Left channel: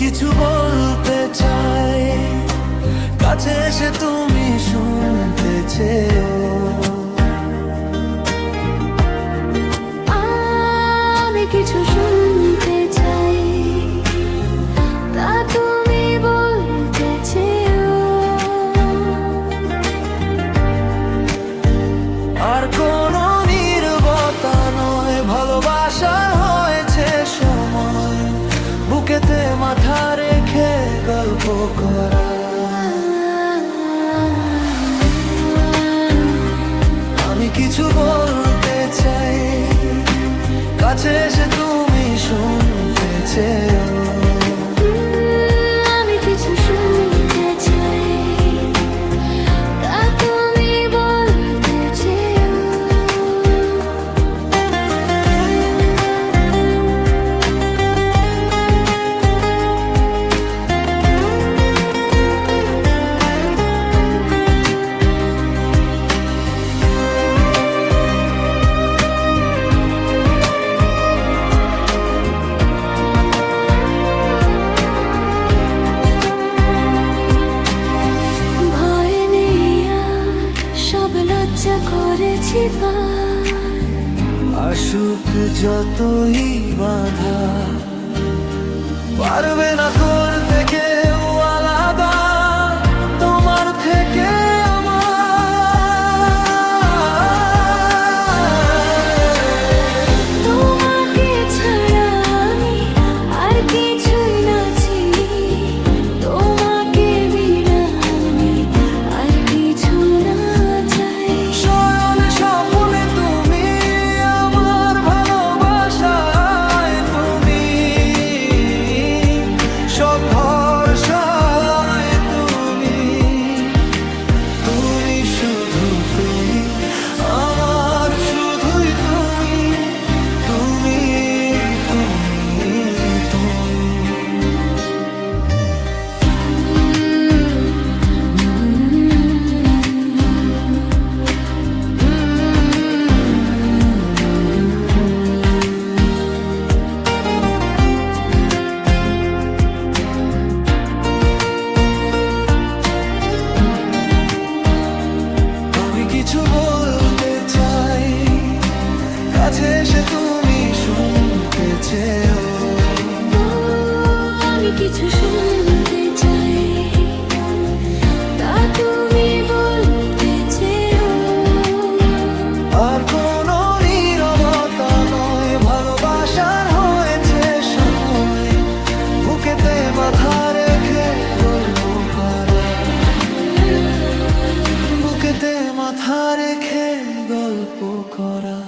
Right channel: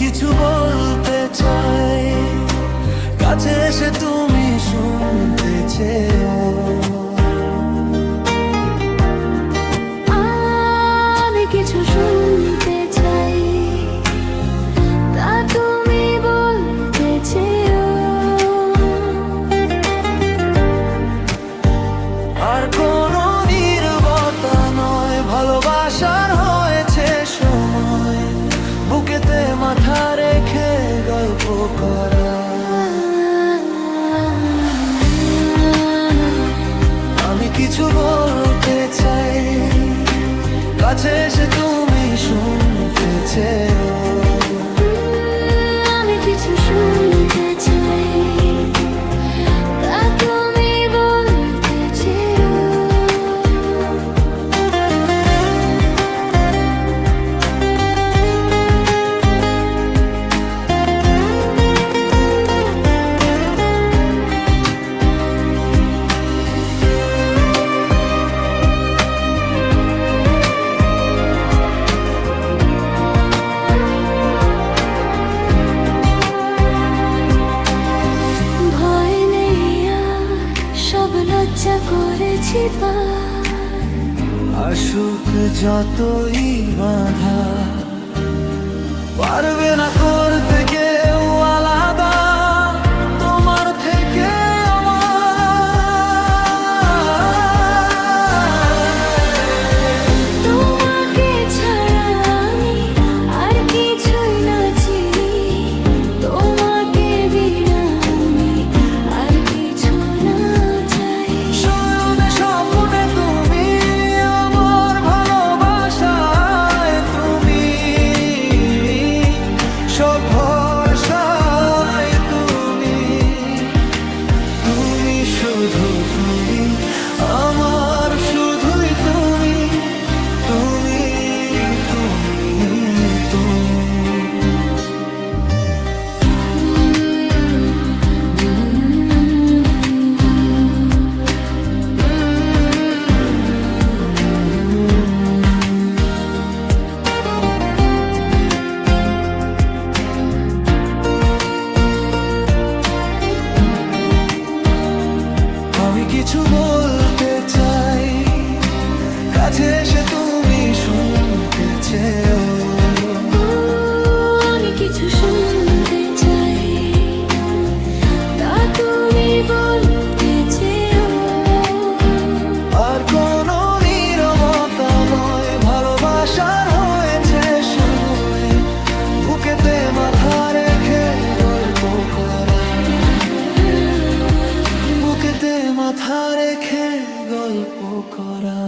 কিছু বলতে চাই, কাছে এসে তুমি শুনতে চেও। আমি কিছু শুনতে চাই, তা তুমি বলতে চেও। আর কোনো নীরবতা নয়, ভালোবাসার হয়েছে সময়, বুকেতে মাথা রেখে গল্প করা। আমি কিছু বলতে চাই, কাছে এসে তুমি শুনতে চেও। আমি কিছু শুনতে চাই, তা তুমি বলতে চেও। ভয় নেই আর, সব লজ্জা করেছি পার। আসুক যতই বাধা, পারবে না করতে কেউ আলাদা তোমার থেকে আমার। তোমাকে ছাড়া আমি আর কিছুই না চিনি, তোমাকে বিনা আমি আর কিছু না চাই। শয়নে স্বপ্নে তুমি আমার, ভালোবাসায় তুমি সব ভরসায় তুমি। তুমি শুধু তুমি আমার, শুধুই তুমি, তুমি তুমি তুমি। আমি কিছু বলতে চাই, কাছে এসে তুমি শুনতে চেও। আমি কিছু শুনতে চাই, তা তুমি বলতে চেও। আর কোনো নীরবতা নয়, ভালোবাসার হয়েছে সময়, বুকেতে মাথা রেখে গল্প করা। বুকেতে মাথা রেখে গল্প করা।